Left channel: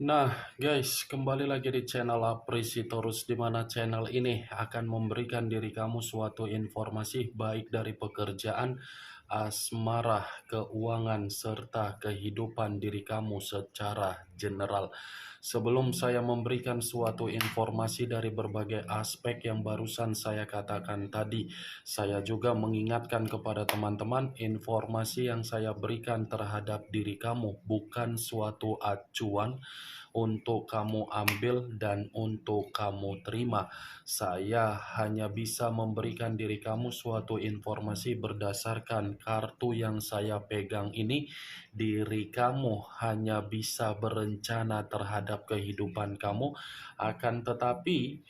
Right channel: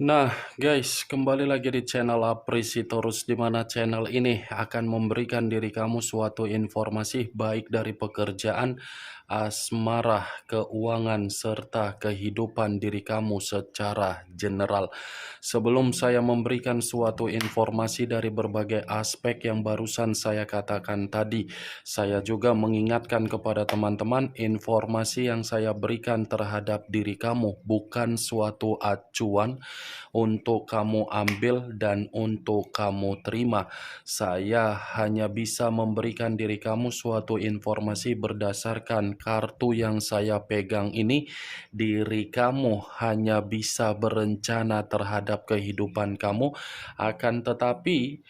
Nah, guys, kembali lagi di channel Apresitorus, di mana channel ini akan memberikan diri kamu suatu informasi baik dari pekerjaan, asmara, keuangan, serta kehidupan diri kamu secara general. Sebelum saya memberikan suatu informasi dari berbagai aspek yang barusan saya katakan tadi, saya juga mengingatkan kepada teman-teman, informasi yang saya berikan terhadap diri kamu bukan suatu acuan untuk kamu ambil dan untuk kamu terima. Saya hanya bisa memberikan diri kamu suatu informasi berdasarkan kartu yang saya pegang ini. Diri kamu hanya bisa berencana terhadap kehidupan kamu, akan tetapi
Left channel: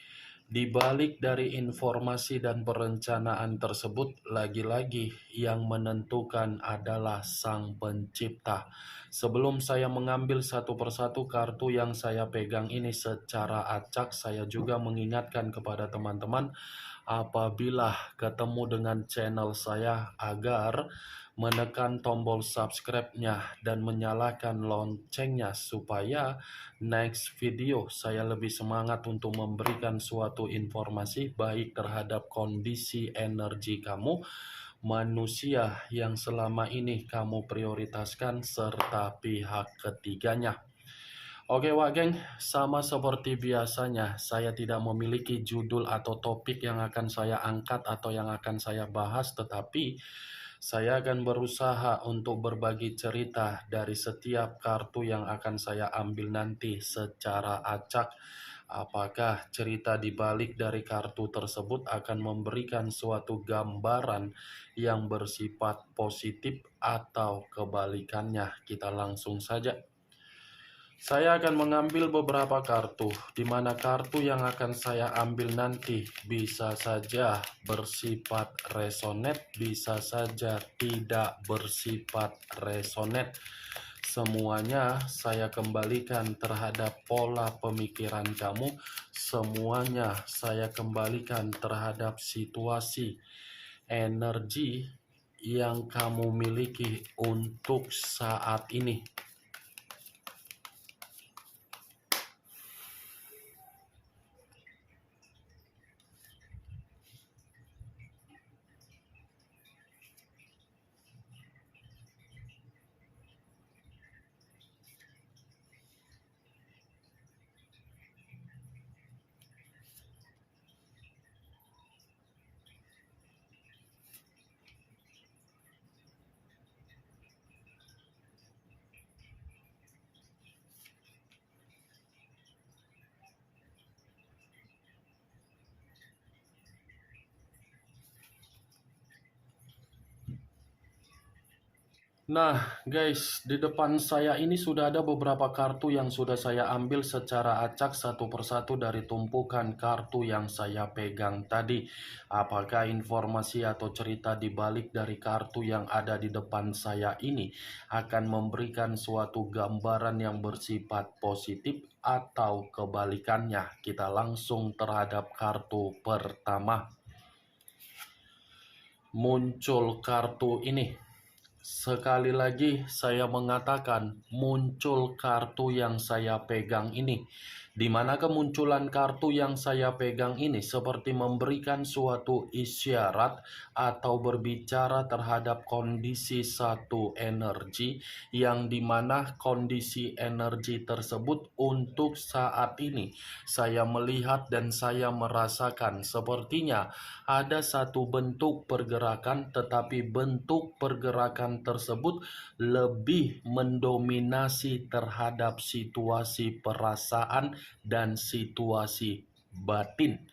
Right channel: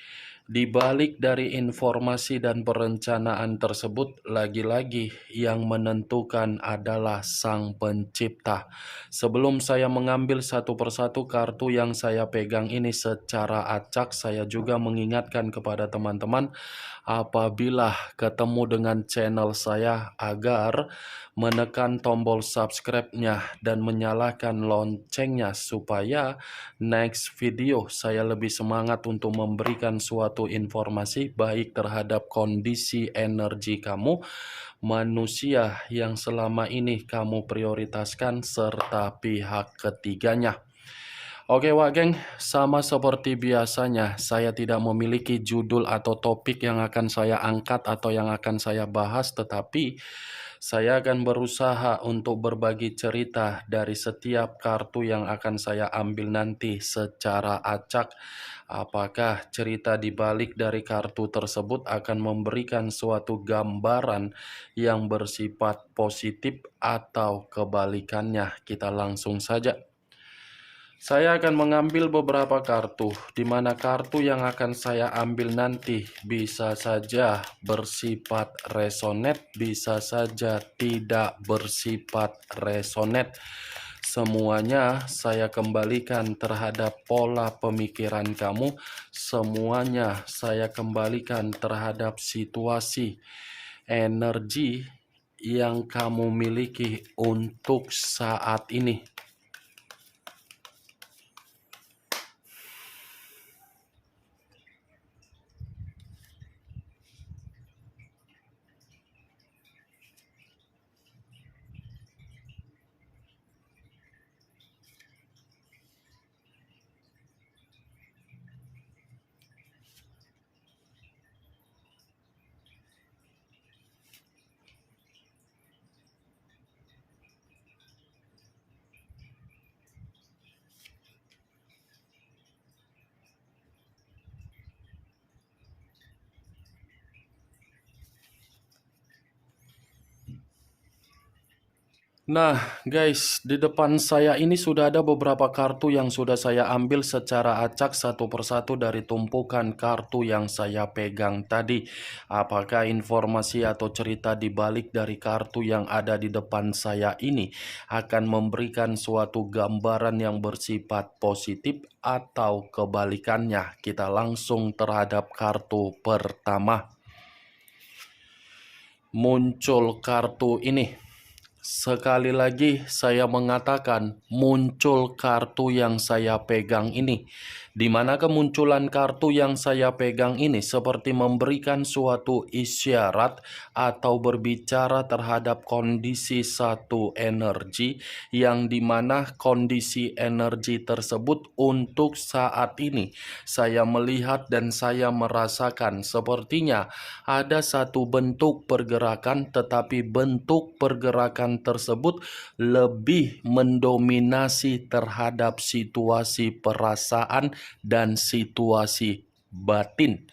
di balik dari informasi dan perencanaan tersebut, lagi-lagi yang menentukan adalah Sang Pencipta. Sebelum saya mengambil satu persatu kartu yang saya pegang ini secara acak, saya juga mengingatkan kepada teman-teman apabila ketemu dengan channel saya agar menekan tombol subscribe-nya dan menyalakan loncengnya supaya next video saya lebih semangat untuk memberikan suatu informasi baik terhadap kondisi energi kamu, manusia yang selama ini kamu prioritaskan, serta pihak ketiganya. Oke Wak Geng, sama seperti biasanya, saya tidak memiliki judul atau topik yang akan saya angkat atau yang akan saya bahas, tetapi saya akan berusaha untuk berbagi cerita dari setiap kartu yang akan saya ambil nanti secara acak. Apakah cerita di balik dari kartu tersebut akan memberikan suatu gambaran yang bersifat positif atau kebalikannya? Kita langsung saja. Saya akan mengambil beberapa kartu, di mana kartu yang akan saya ambil nanti bisa saja bersifat resonate, bisa saja tidak bersifat resonate. Semuanya saya kembalikan terhadap pola pemikiran kamu, semuanya saya kembalikan terhadap situasi energi yang kamu miliki untuk saat ini. Nah, guys, di depan saya ini sudah ada beberapa kartu yang sudah saya ambil secara acak satu persatu dari tumpukan kartu yang saya pegang tadi. Apakah informasi atau cerita di balik dari kartu yang ada di depan saya ini akan memberikan suatu gambaran yang bersifat positif atau kebalikannya? Kita langsung terhadap kartu pertama. Muncul kartu ini. Sekali lagi saya mengatakan muncul kartu yang saya pegang ini, di mana kemunculan kartu yang saya pegang ini seperti memberikan suatu isyarat atau berbicara terhadap kondisi satu energi, yang dimana kondisi energi tersebut untuk saat ini saya melihat dan saya merasakan sepertinya ada satu bentuk pergerakan, tetapi bentuk pergerakan tersebut lebih mendominasi terhadap situasi perasaan dan situasi batin.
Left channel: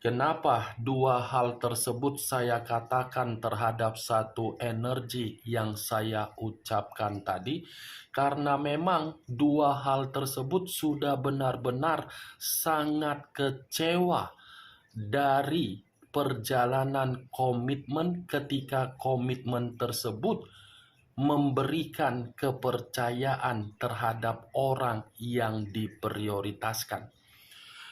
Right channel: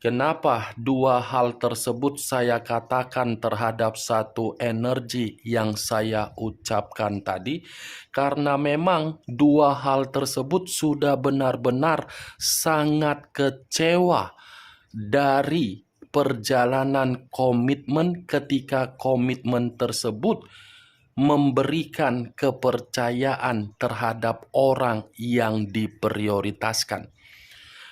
Kenapa dua hal tersebut saya katakan terhadap satu energi yang saya ucapkan tadi? Karena memang dua hal tersebut sudah benar-benar sangat kecewa dari perjalanan komitmen, ketika komitmen tersebut memberikan kepercayaan terhadap orang yang diprioritaskan.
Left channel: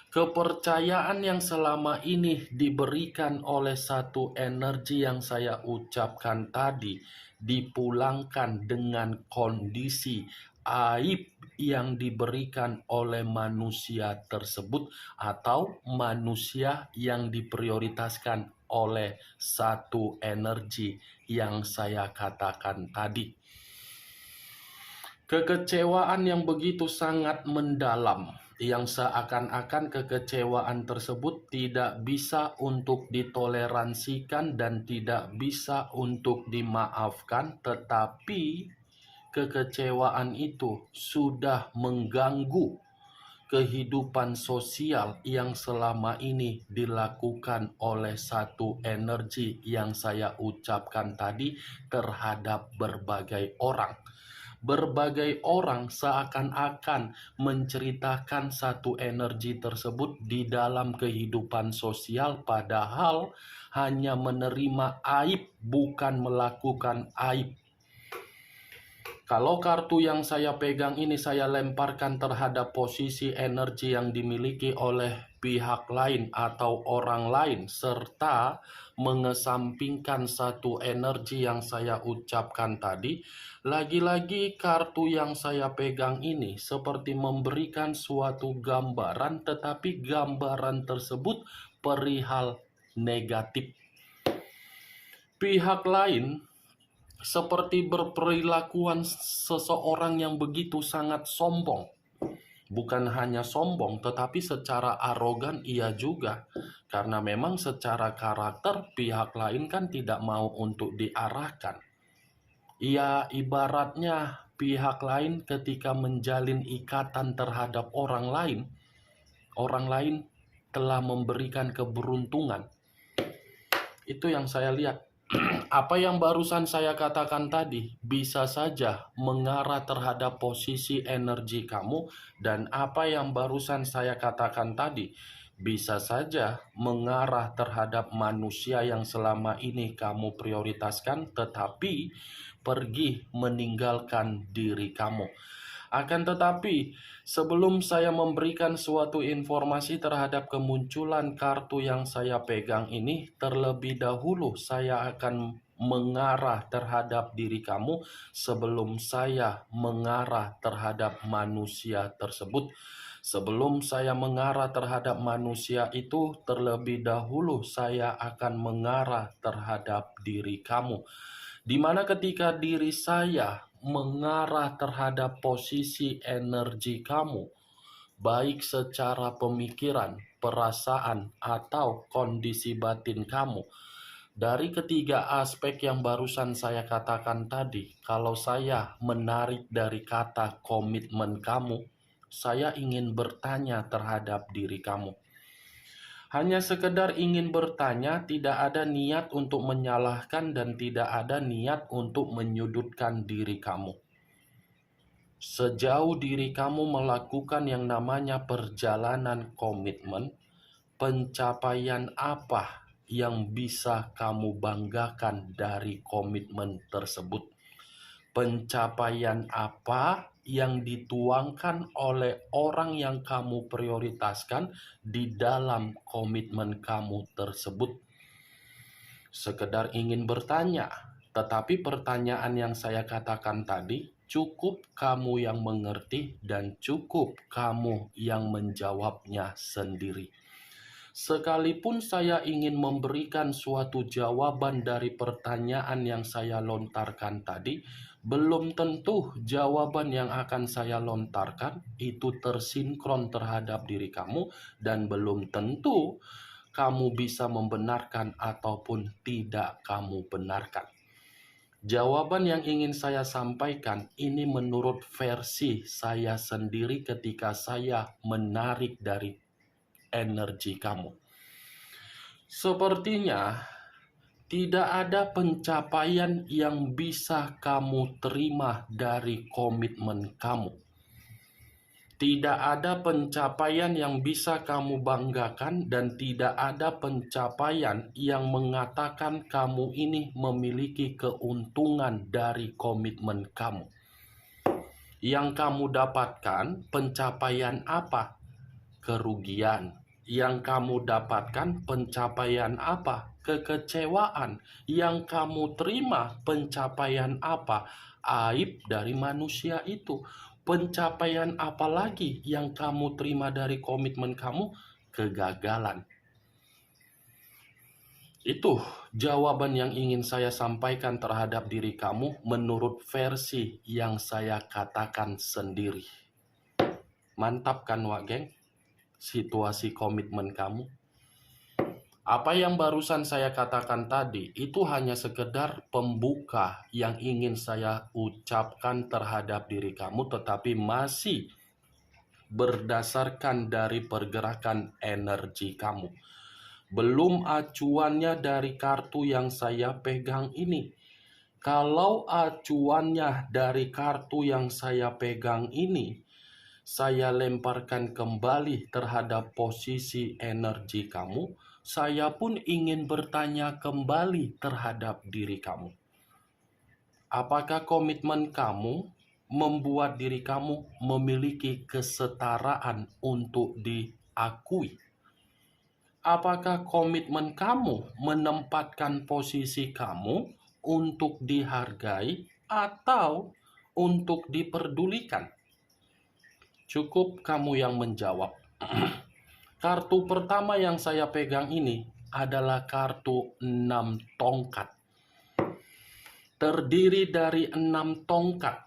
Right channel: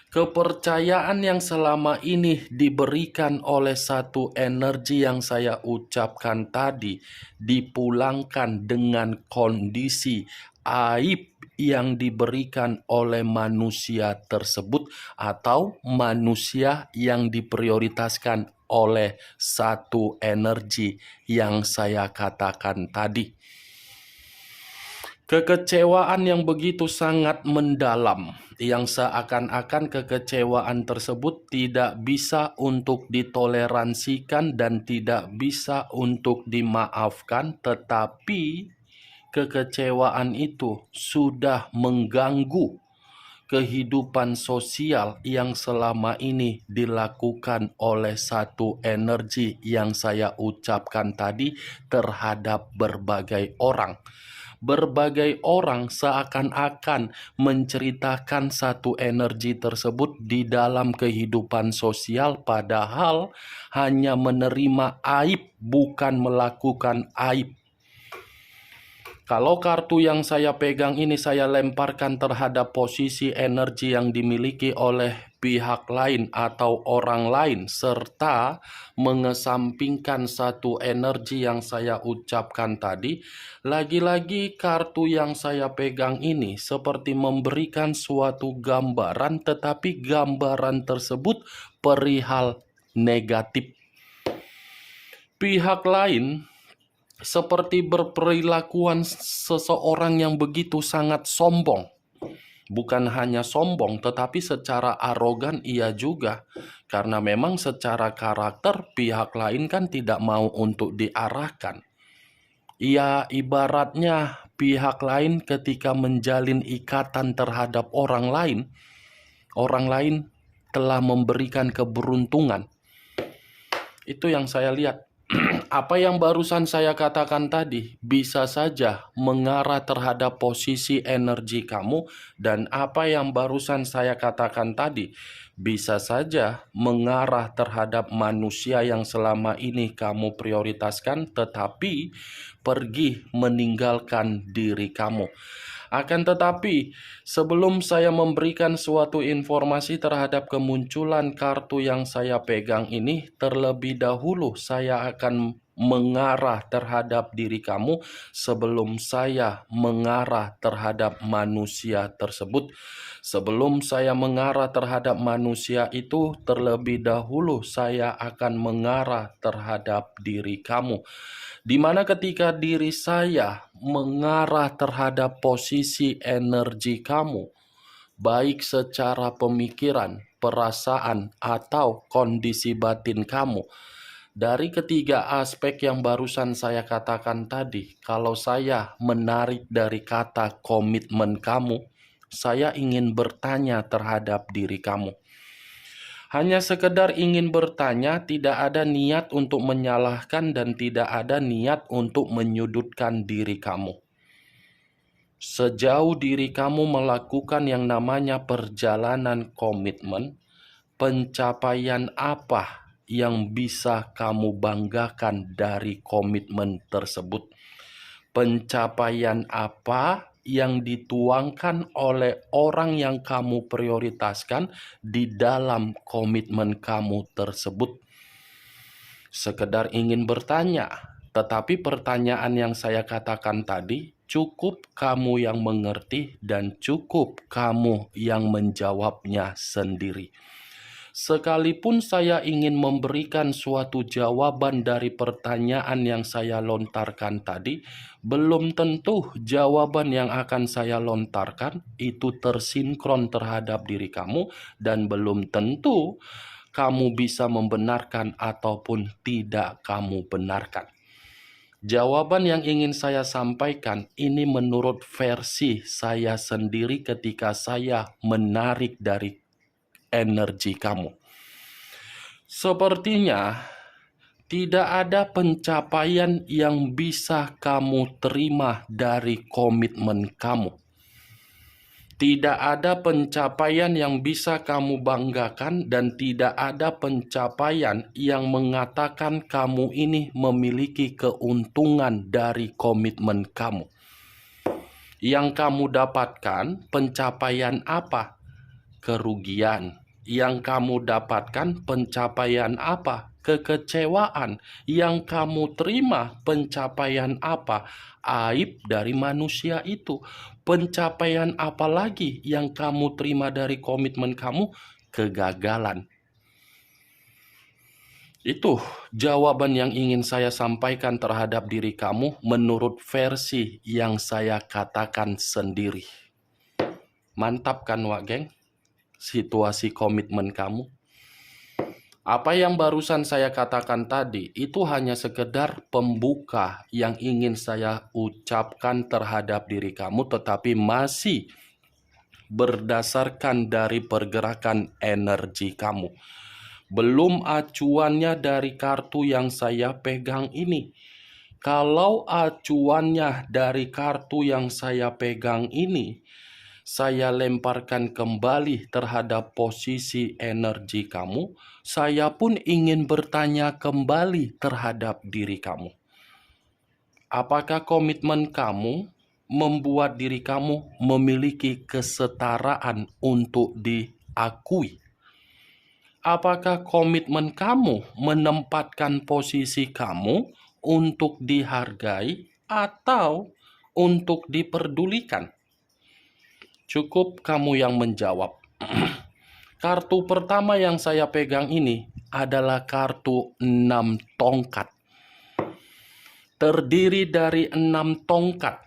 Kepercayaan yang selama ini diberikan oleh satu energi yang saya ucapkan tadi dipulangkan dengan kondisi aib yang diberikan oleh manusia tersebut atau manusia yang diprioritaskan oleh satu energi yang saya katakan tadi. Kekecewaan yang begitu sangat mendalam, yang seakan-akan kekecewaan tersebut tidak bisa untuk ditoleransikan dan tidak bisa untuk dimaafkan, tetapi kekecewaan itu sudah mengganggu kehidupan sosial yang selama ini dilakukan oleh satu energi yang saya ucapkan tadi terhadap berbagai orang. Berbagai orang seakan-akan menceritakan satu energi tersebut di dalam kehidupan sosial, padahal hanya menerima aib, bukan melakukan aib. Kalau kartu yang saya pegang ini saya lemparkan terhadap posisi energi yang dimiliki oleh pihak lain atau orang lain, serta mengesampingkan satu energi yang saya ucapkan tadi, lagi-lagi kartu yang saya pegang ini seperti memberikan suatu gambaran, tetapi gambaran tersebut perihal negatif. Pihak lain seperti berperilakuan seseorang yang begitu sangat sombong. Bukan hanya sombong, tetapi secara arogan ia juga. Karena memang secara karakter pihak lain kan tidak mau untuk diarahkan. Ia ibaratnya pihak lain ketika menjalin ikatan terhadap orang lain telah memberikan keberuntungan. Itu yang saya lihat. Apa yang barusan saya katakan tadi bisa saja mengarah terhadap posisi energi kamu, dan apa yang barusan saya katakan tadi bisa saja mengarah terhadap manusia yang selama ini kamu prioritaskan tetapi pergi meninggalkan diri kamu. Akan tetapi, sebelum saya memberikan suatu informasi terhadap kemunculan kartu yang saya pegang ini, terlebih dahulu saya akan mengarah terhadap diri kamu sebelum saya mengarah terhadap manusia tersebut. Sebelum saya mengarah terhadap manusia itu, terlebih dahulu saya akan mengarah terhadap diri kamu. Di mana ketika diri saya mengarah terhadap posisi energi kamu, baik secara pemikiran, perasaan, atau kondisi batin kamu, dari ketiga aspek yang barusan saya katakan tadi, kalau saya menarik dari kata komitmen kamu, saya ingin bertanya terhadap diri kamu. Hanya sekedar ingin bertanya, tidak ada niat untuk menyalahkan dan tidak ada niat untuk menyudutkan diri kamu. Sejauh diri kamu melakukan yang namanya perjalanan komitmen, pencapaian apa yang bisa kamu banggakan dari komitmen tersebut? Pencapaian apa yang dituangkan oleh orang yang kamu prioritaskan di dalam komitmen kamu tersebut? Sekedar ingin bertanya, tetapi pertanyaan yang saya katakan tadi cukup kamu yang mengerti dan cukup kamu yang menjawabnya sendiri. Sekalipun saya ingin memberikan suatu jawaban dari pertanyaan yang saya lontarkan tadi, belum tentu jawaban yang akan saya lontarkan itu tersinkron terhadap diri kamu, dan belum tentu kamu bisa membenarkan ataupun tidak kamu benarkan. Jawaban yang ingin saya sampaikan ini menurut versi saya sendiri ketika saya menarik dari energi kamu. Sepertinya tidak ada pencapaian yang bisa kamu terima dari komitmen kamu. Tidak ada pencapaian yang bisa kamu banggakan dan tidak ada pencapaian yang mengatakan kamu ini memiliki keuntungan dari komitmen kamu. Yang kamu dapatkan pencapaian apa? Kerugian. Yang kamu dapatkan pencapaian apa? Kekecewaan. Yang kamu terima pencapaian apa? Aib dari manusia itu. Pencapaian apa lagi yang kamu terima dari komitmen kamu? Kegagalan. Itu jawaban yang ingin saya sampaikan terhadap diri kamu menurut versi yang saya katakan sendiri. Mantap kan, Wak Geng? Situasi komitmen kamu. Apa yang barusan saya katakan tadi itu hanya sekedar pembuka yang ingin saya ucapkan terhadap diri kamu, tetapi masih berdasarkan dari pergerakan energi kamu. Belum acuannya dari kartu yang saya pegang ini. Kalau acuannya dari kartu yang saya pegang ini, saya lemparkan kembali terhadap posisi energi kamu, saya pun ingin bertanya kembali terhadap diri kamu. Apakah komitmen kamu membuat diri kamu memiliki kesetaraan untuk diakui? Apakah komitmen kamu menempatkan posisi kamu untuk dihargai atau untuk diperdulikan? Cukup kamu yang menjawab. Kartu pertama yang saya pegang ini adalah kartu 6 tongkat. Terdiri dari 6 tongkat.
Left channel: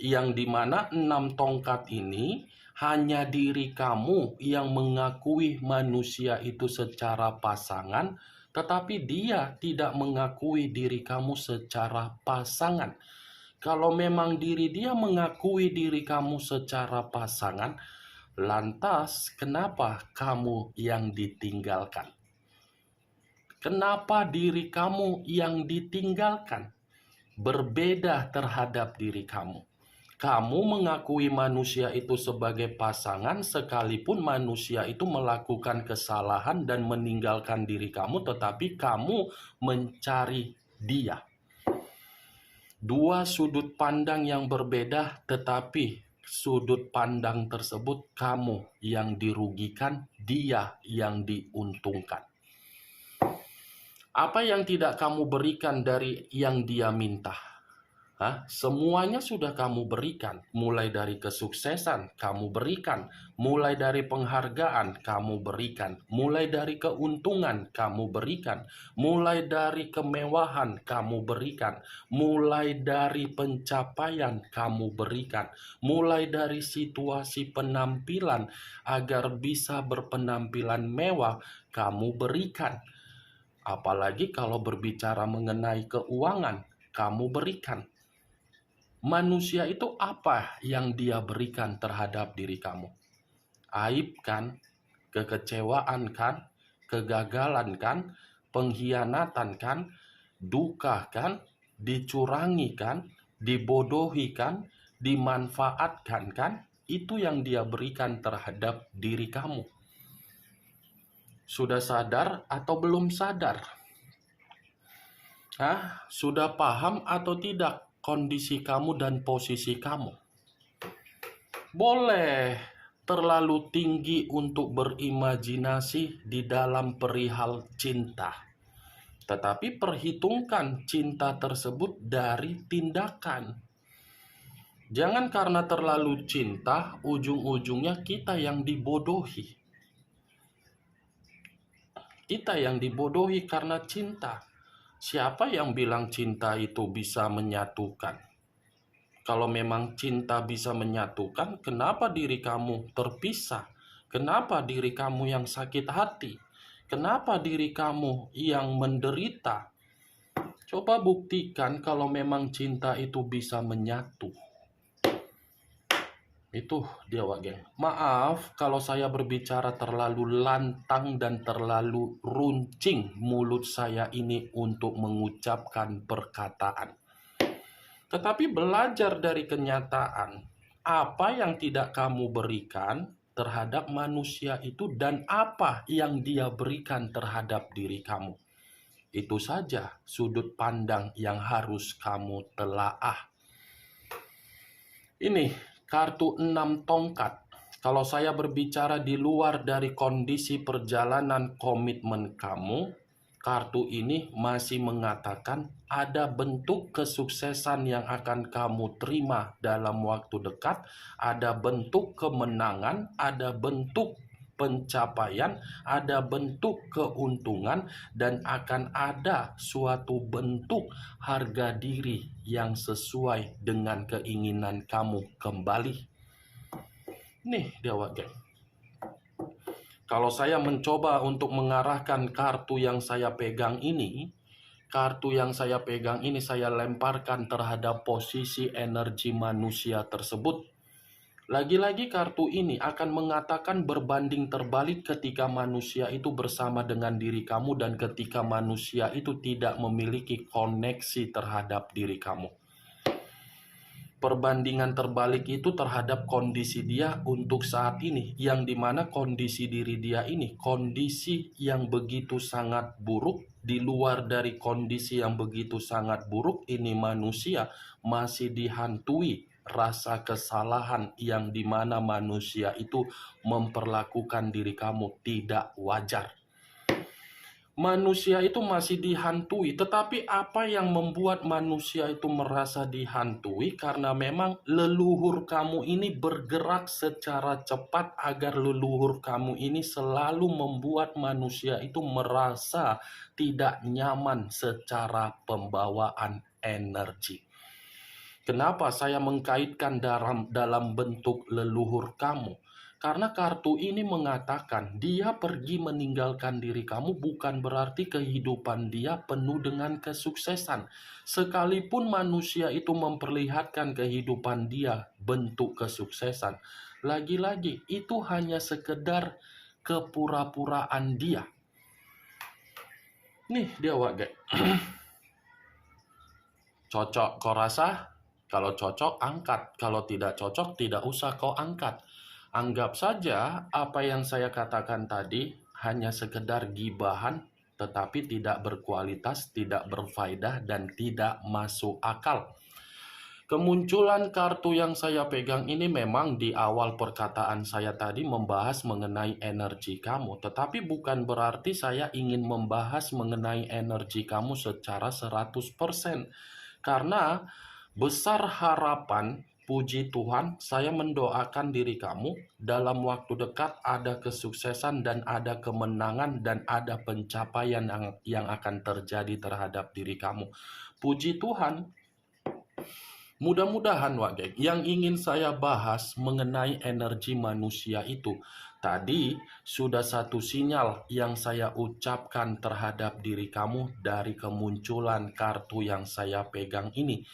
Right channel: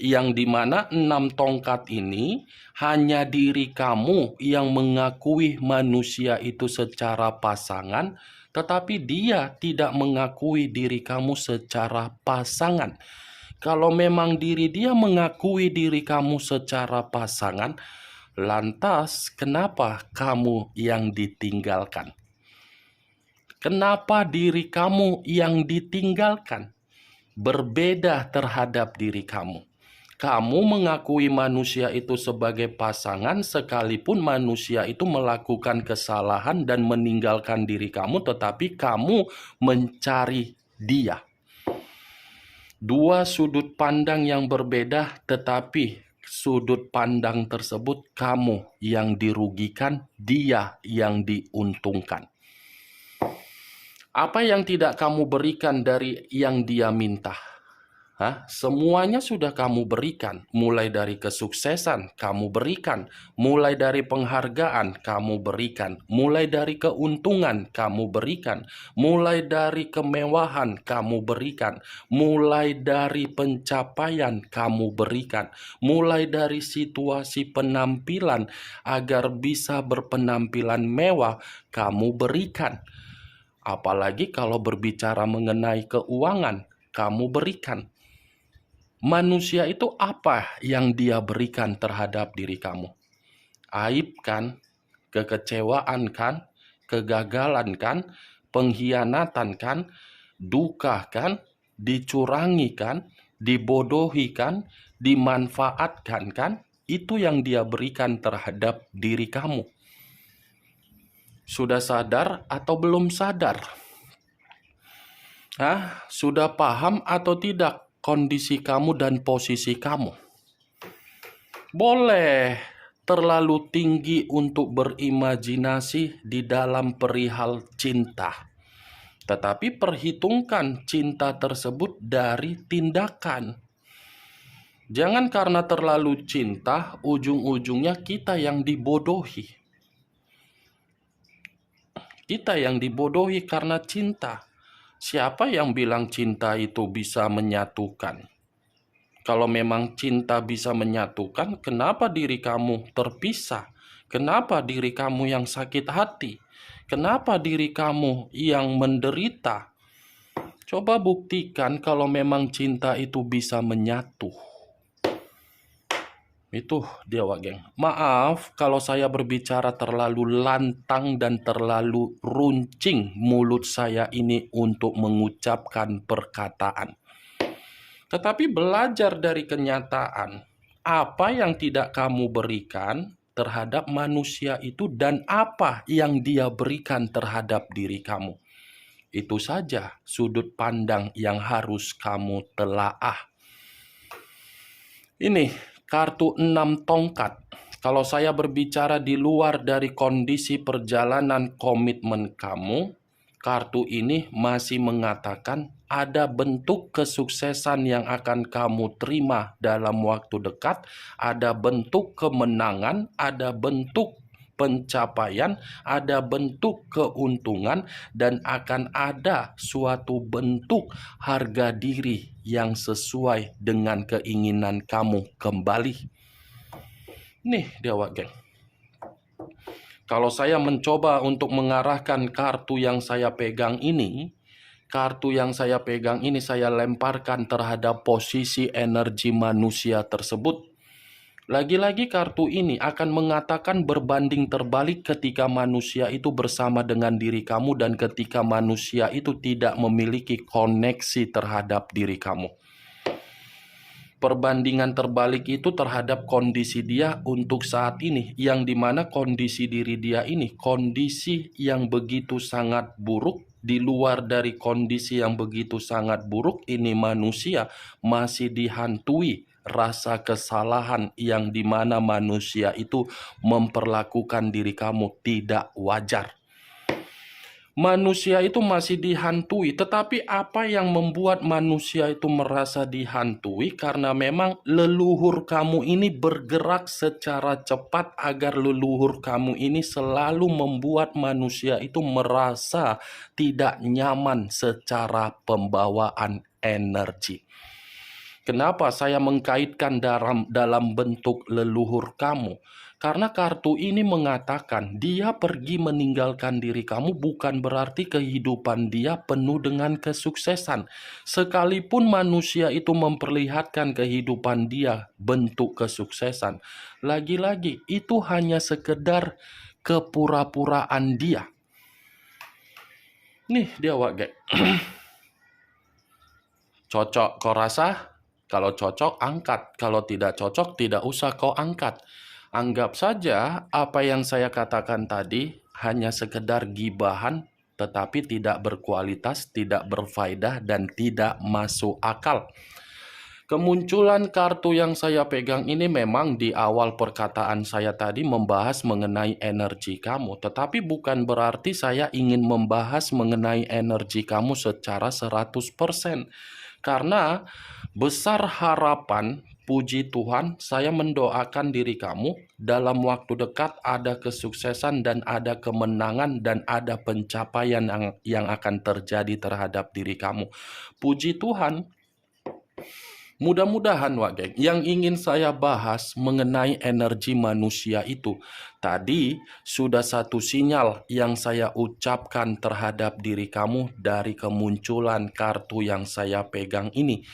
Yang dimana 6 tongkat ini hanya diri kamu yang mengakui manusia itu secara pasangan, tetapi dia tidak mengakui diri kamu secara pasangan. Kalau memang diri dia mengakui diri kamu secara pasangan, lantas kenapa kamu yang ditinggalkan? Kenapa diri kamu yang ditinggalkan? Berbeda terhadap diri kamu. Kamu mengakui manusia itu sebagai pasangan sekalipun manusia itu melakukan kesalahan dan meninggalkan diri kamu, tetapi kamu mencari dia. Dua sudut pandang yang berbeda, tetapi sudut pandang tersebut kamu yang dirugikan, dia yang diuntungkan. Apa yang tidak kamu berikan dari yang dia minta? Semuanya sudah kamu berikan, mulai dari kesuksesan kamu berikan, mulai dari penghargaan kamu berikan, mulai dari keuntungan kamu berikan, mulai dari kemewahan kamu berikan, mulai dari pencapaian kamu berikan, mulai dari situasi penampilan agar bisa berpenampilan mewah kamu berikan. Apalagi kalau berbicara mengenai keuangan, kamu berikan. Manusia itu apa yang dia berikan terhadap diri kamu? Aib kan? Kekecewaan kan? Kegagalan kan? Pengkhianatan kan? Duka kan? Dicurangi kan? Dibodohi kan? Dimanfaatkan kan? Itu yang dia berikan terhadap diri kamu. Sudah sadar atau belum sadar? Sudah paham atau tidak kondisi kamu dan posisi kamu? Boleh terlalu tinggi untuk berimajinasi di dalam perihal cinta, tetapi perhitungkan cinta tersebut dari tindakan. Jangan karena terlalu cinta, ujung-ujungnya kita yang dibodohi. Kita yang dibodohi karena cinta. Siapa yang bilang cinta itu bisa menyatukan? Kalau memang cinta bisa menyatukan, kenapa diri kamu terpisah? Kenapa diri kamu yang sakit hati? Kenapa diri kamu yang menderita? Coba buktikan kalau memang cinta itu bisa menyatu. Itu dia, Wak Geng. Maaf kalau saya berbicara terlalu lantang dan terlalu runcing mulut saya ini untuk mengucapkan perkataan. Tetapi belajar dari kenyataan, apa yang tidak kamu berikan terhadap manusia itu dan apa yang dia berikan terhadap diri kamu. Itu saja sudut pandang yang harus kamu telaah. Ini kartu 6 tongkat. Kalau saya berbicara di luar dari kondisi perjalanan komitmen kamu, kartu ini masih mengatakan ada bentuk kesuksesan yang akan kamu terima dalam waktu dekat, ada bentuk kemenangan, ada bentuk pencapaian, ada bentuk keuntungan, dan akan ada suatu bentuk harga diri yang sesuai dengan keinginan kamu kembali. Nih dia geng. Kalau saya mencoba untuk mengarahkan kartu yang saya pegang ini, saya lemparkan terhadap posisi energi manusia tersebut. Lagi-lagi kartu ini akan mengatakan berbanding terbalik ketika manusia itu bersama dengan diri kamu dan ketika manusia itu tidak memiliki koneksi terhadap diri kamu. Perbandingan terbalik itu terhadap kondisi dia untuk saat ini, yang dimana kondisi diri dia ini kondisi yang begitu sangat buruk. Di luar dari kondisi yang begitu sangat buruk ini, manusia masih dihantui rasa kesalahan yang dimana manusia itu memperlakukan diri kamu tidak wajar. Manusia itu masih dihantui, tetapi apa yang membuat manusia itu merasa dihantui? Karena memang leluhur kamu ini bergerak secara cepat agar leluhur kamu ini selalu membuat manusia itu merasa tidak nyaman secara pembawaan energi. Kenapa saya mengkaitkan dalam bentuk leluhur kamu? Karena kartu ini mengatakan dia pergi meninggalkan diri kamu bukan berarti kehidupan dia penuh dengan kesuksesan. Sekalipun manusia itu memperlihatkan kehidupan dia bentuk kesuksesan, lagi-lagi itu hanya sekedar kepura-puraan dia. Nih dia geng. Cocok kau rasa? Kalau cocok angkat, kalau tidak cocok tidak usah kau angkat. Anggap saja apa yang saya katakan tadi hanya sekedar gibahan, tetapi tidak berkualitas, tidak berfaedah, dan tidak masuk akal. Kemunculan kartu yang saya pegang ini memang di awal perkataan saya tadi membahas mengenai energi kamu, tetapi bukan berarti saya ingin membahas mengenai energi kamu secara 100%. Karena besar harapan, puji Tuhan, saya mendoakan diri kamu dalam waktu dekat ada kesuksesan dan ada kemenangan dan ada pencapaian yang akan terjadi terhadap diri kamu. Puji Tuhan. Mudah-mudahan geng, yang ingin saya bahas mengenai energi manusia itu tadi sudah satu sinyal yang saya ucapkan terhadap diri kamu dari kemunculan kartu yang saya pegang ini.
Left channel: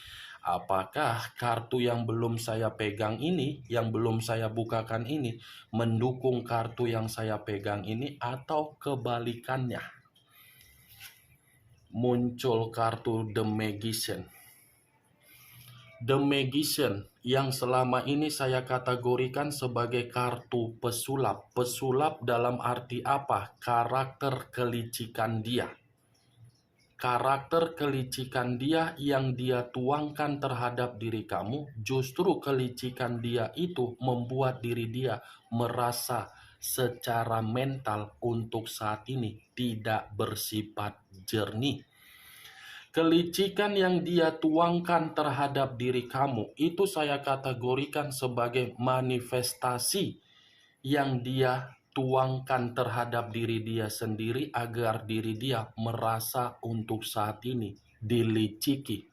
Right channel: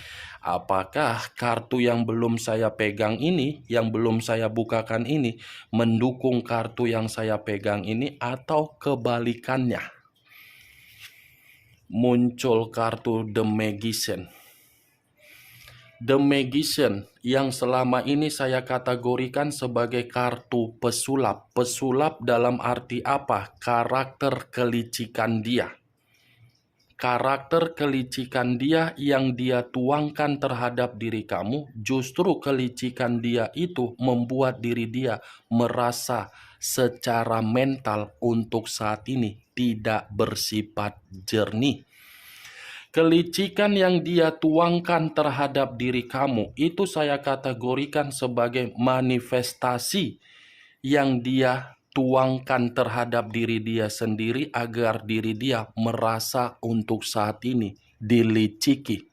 Apakah kartu yang belum saya pegang ini, yang belum saya bukakan ini, mendukung kartu yang saya pegang ini atau kebalikannya? Muncul kartu The Magician. The Magician yang selama ini saya kategorikan sebagai kartu pesulap. Pesulap dalam arti apa? Karakter kelicikan dia. Karakter kelicikan dia yang dia tuangkan terhadap diri kamu, justru kelicikan dia itu membuat diri dia merasa secara mental untuk saat ini tidak bersifat jernih. Kelicikan yang dia tuangkan terhadap diri kamu itu saya kategorikan sebagai manifestasi yang dia tuangkan terhadap diri dia sendiri agar diri dia merasa untuk saat ini diliciki.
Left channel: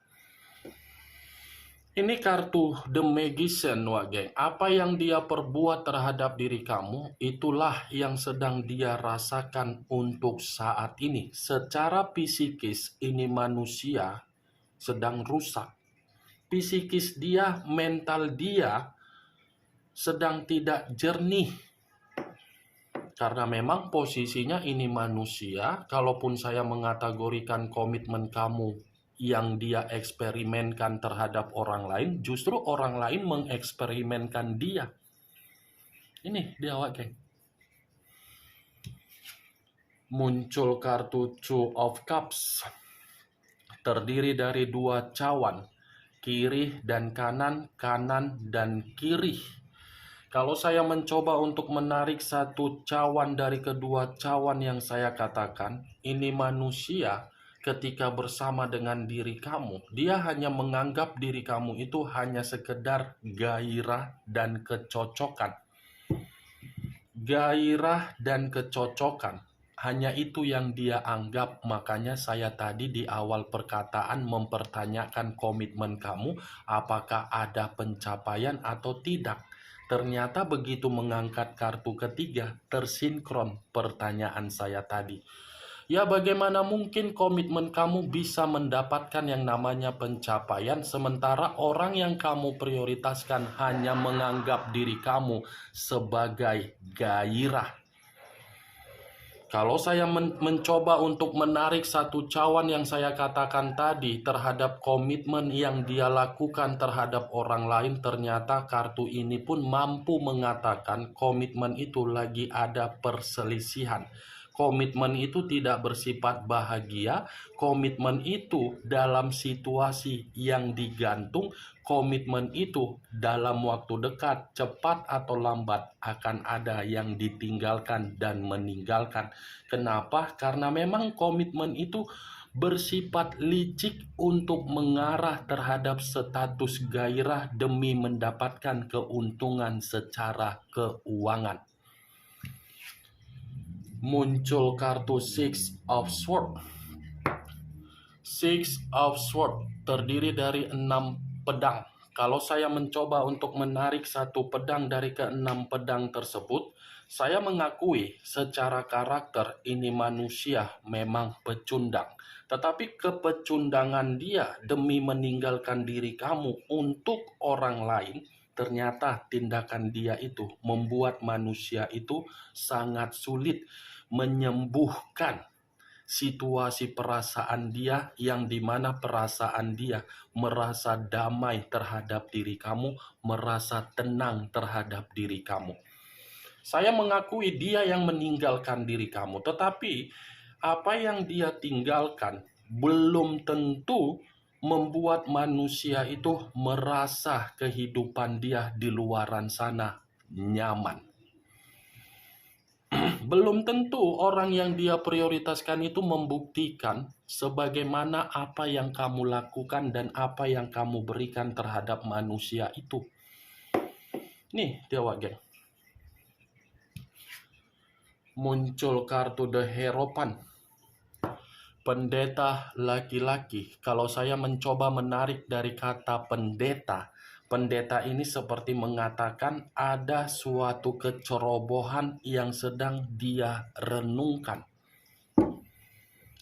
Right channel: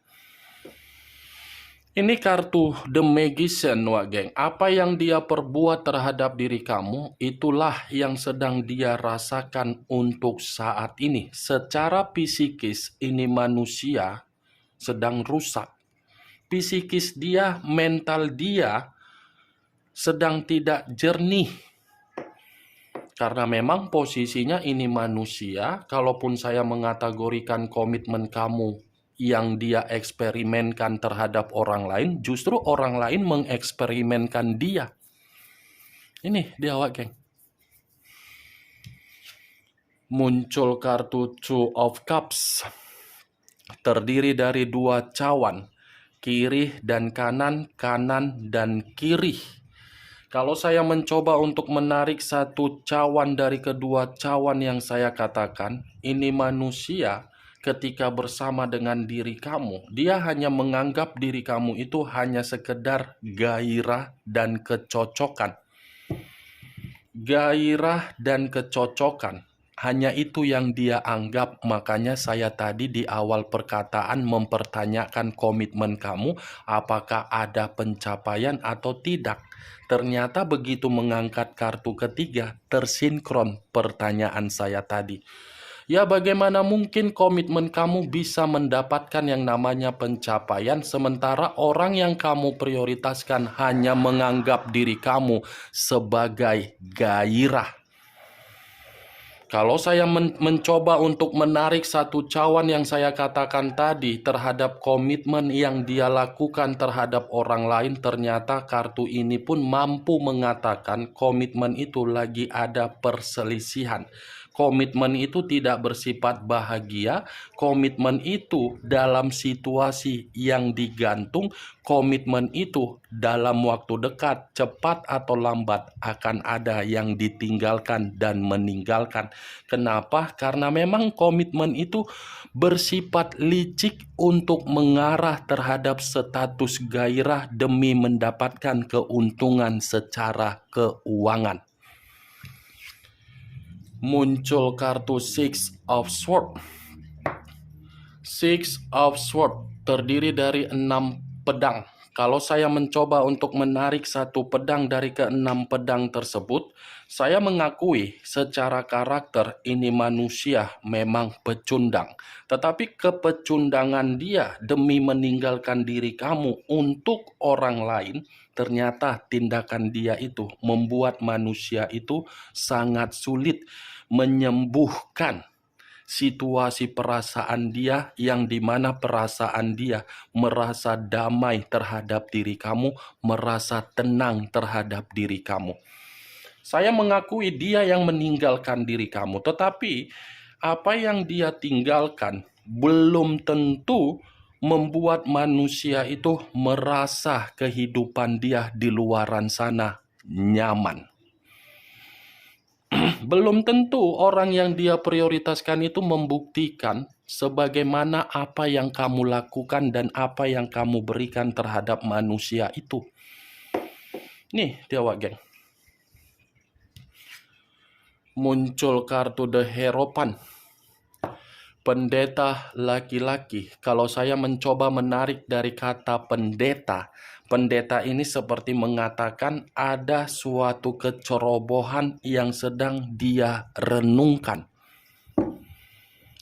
Ini kartu The Magician, geng. Apa yang dia perbuat terhadap diri kamu, itulah yang sedang dia rasakan untuk saat ini. Secara psikis, ini manusia sedang rusak. Psikis dia, mental dia sedang tidak jernih. Karena memang posisinya ini manusia, kalaupun saya mengategorikan komitmen kamu yang dia eksperimenkan terhadap orang lain, justru orang lain mengeksperimenkan dia. Ini dia geng. Muncul kartu Two of Cups. Terdiri dari dua cawan, kiri dan kanan, kanan dan kiri. Kalau saya mencoba untuk menarik satu cawan dari kedua cawan yang saya katakan, ini manusia ketika bersama dengan diri kamu, dia hanya menganggap diri kamu itu hanya sekedar gairah dan kecocokan. Gairah dan kecocokan. Hanya itu yang dia anggap, makanya saya tadi di awal perkataan mempertanyakan komitmen kamu, apakah ada pencapaian atau tidak. Ternyata begitu mengangkat kartu ketiga, tersinkron pertanyaan saya tadi. Ya, bagaimana mungkin komitmen kamu bisa mendapatkan yang namanya pencapaian sementara orang yang kamu prioritaskan hanya menganggap diri kamu sebagai gairah? Kalau saya mencoba untuk menarik satu cawan yang saya katakan tadi terhadap komitmen yang dia lakukan terhadap orang lain, ternyata kartu ini pun mampu mengatakan komitmen itu lagi ada perselisihan. Komitmen itu tidak bersifat bahagia, komitmen itu dalam situasi yang digantung, komitmen itu dalam waktu dekat, cepat atau lambat akan ada yang ditinggalkan dan meninggalkan. Kenapa? Karena memang komitmen itu bersifat licik untuk mengarah terhadap status gairah demi mendapatkan keuntungan secara keuangan. Muncul kartu Six of Swords. Six of Swords terdiri dari 6 pedang. Kalau saya mencoba untuk menarik satu pedang dari ke-6 pedang tersebut, saya mengakui secara karakter ini manusia memang pecundang. Tetapi kepecundangan dia demi meninggalkan diri kamu untuk orang lain, ternyata tindakan dia itu membuat manusia itu sangat sulit menyembuhkan situasi perasaan dia yang dimana perasaan dia merasa damai terhadap diri kamu, merasa tenang terhadap diri kamu. Saya mengakui dia yang meninggalkan diri kamu, tetapi apa yang dia tinggalkan belum tentu membuat manusia itu merasa kehidupan dia di luaran sana nyaman. Belum tentu orang yang dia prioritaskan itu membuktikan sebagaimana apa yang kamu lakukan dan apa yang kamu berikan terhadap manusia itu. Nih, Dewa Geng. Muncul kartu The Hierophant. Pendeta laki-laki. Kalau saya mencoba menarik dari kata pendeta, pendeta ini seperti mengatakan ada suatu kecerobohan yang sedang dia renungkan.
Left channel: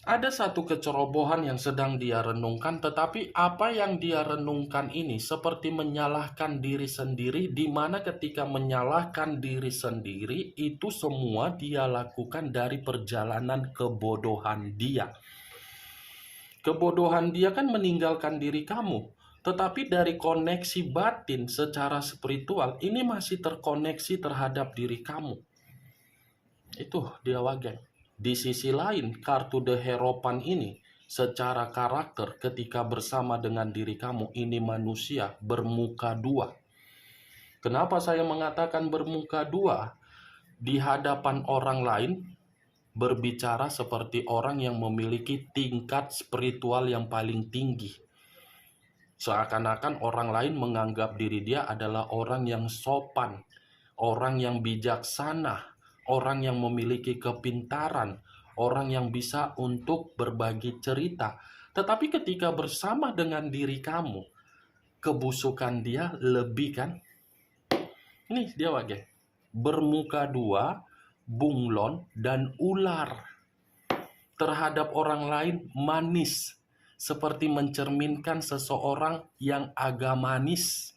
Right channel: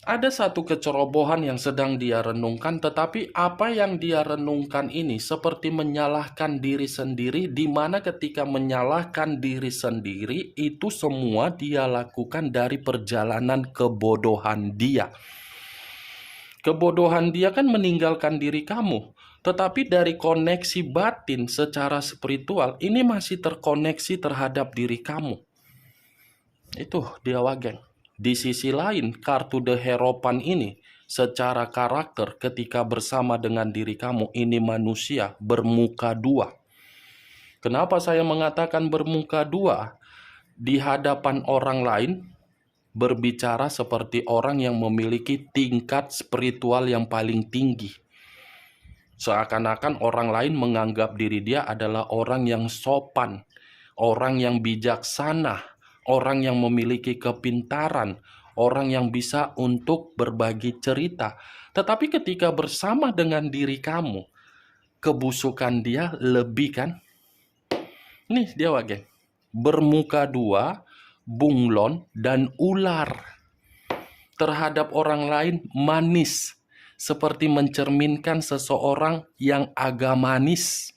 Ada satu kecerobohan yang sedang dia renungkan, tetapi apa yang dia renungkan ini seperti menyalahkan diri sendiri, di mana ketika menyalahkan diri sendiri itu semua dia lakukan dari perjalanan kebodohan dia. Kebodohan dia kan meninggalkan diri kamu, tetapi dari koneksi batin secara spiritual ini masih terkoneksi terhadap diri kamu. Itu dia Wageng. Di sisi lain, kartu The Hierophant ini secara karakter ketika bersama dengan diri kamu ini manusia bermuka dua. Kenapa saya mengatakan bermuka dua? Di hadapan orang lain berbicara seperti orang yang memiliki tingkat spiritual yang paling tinggi. Seakan-akan orang lain menganggap diri dia adalah orang yang sopan, orang yang bijaksana, orang yang memiliki kepintaran, orang yang bisa untuk berbagi cerita. Tetapi ketika bersama dengan diri kamu, kebusukan dia lebih kan? Nih dia Wage. Bermuka dua, bunglon, dan ular. Terhadap orang lain manis, seperti mencerminkan seseorang yang agamanis.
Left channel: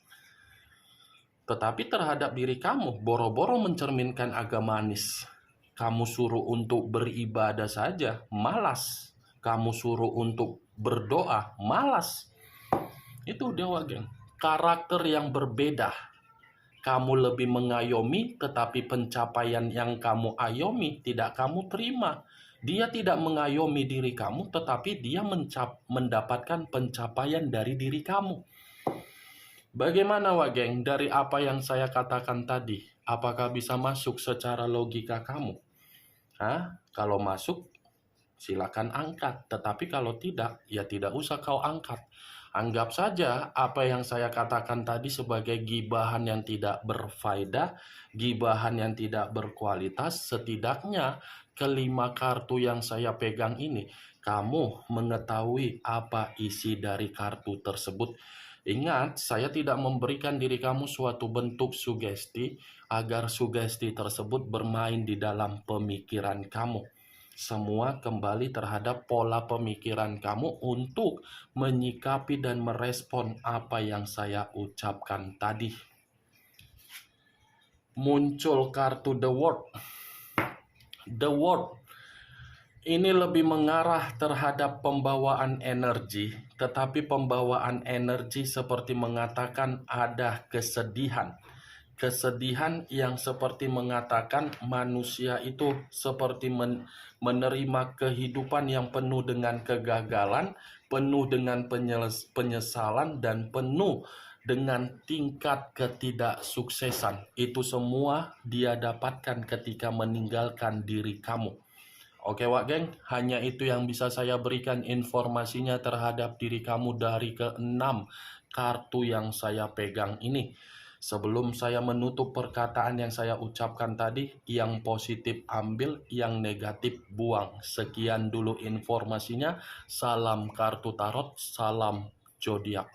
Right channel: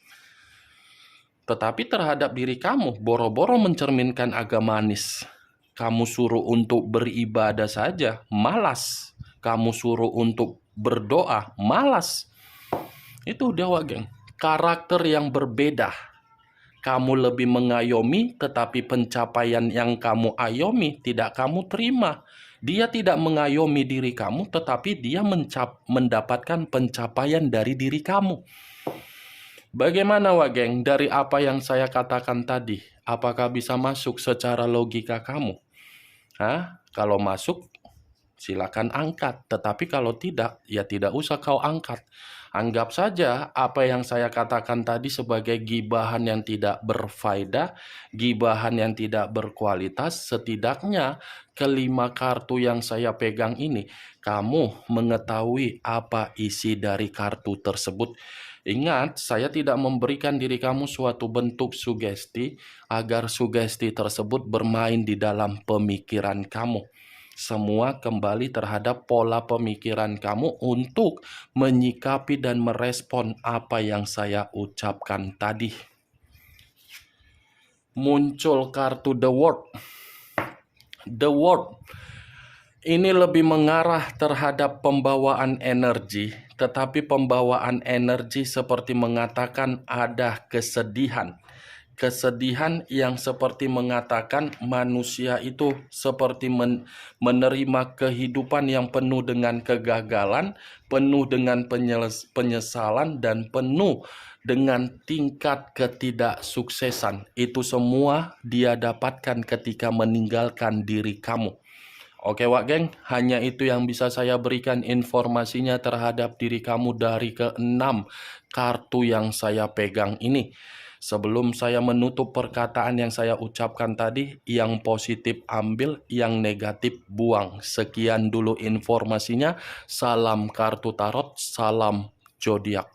Tetapi terhadap diri kamu, boro-boro mencerminkan agamanis. Kamu suruh untuk beribadah saja, malas. Kamu suruh untuk berdoa, malas. Itu Dewa Geng. Karakter yang berbeda. Kamu lebih mengayomi, tetapi pencapaian yang kamu ayomi tidak kamu terima. Dia tidak mengayomi diri kamu, tetapi dia mendapatkan pencapaian dari diri kamu. Bagaimana Wak Geng dari apa yang saya katakan tadi? Apakah bisa masuk secara logika kamu? Hah? Kalau masuk, silakan angkat. Tetapi kalau tidak, ya tidak usah kau angkat. Anggap saja apa yang saya katakan tadi sebagai gibahan yang tidak berfaedah, gibahan yang tidak berkualitas. Setidaknya kelima kartu yang saya pegang ini, kamu mengetahui apa isi dari kartu tersebut. Ingat, saya tidak memberikan diri kamu suatu bentuk sugesti agar sugesti tersebut bermain di dalam pemikiran kamu. Semua kembali terhadap pola pemikiran kamu untuk menyikapi dan merespon apa yang saya ucapkan tadi. Muncul kartu The World. The World ini lebih mengarah terhadap pembawaan energi, tetapi pembawaan energi seperti mengatakan ada kesedihan. Kesedihan yang seperti mengatakan manusia itu seperti menerima kehidupan yang penuh dengan kegagalan, penuh dengan penyesalan, dan penuh dengan tingkat ketidaksuksesan. Itu semua dia dapatkan ketika meninggalkan diri kamu. Oke Wak Geng, hanya itu yang bisa saya berikan informasinya terhadap diri kamu dari keenam kartu yang saya pegang ini. Sebelum saya menutup perkataan yang saya ucapkan tadi, yang positif ambil, yang negatif buang. Sekian dulu informasinya. Salam kartu tarot, salam zodiak.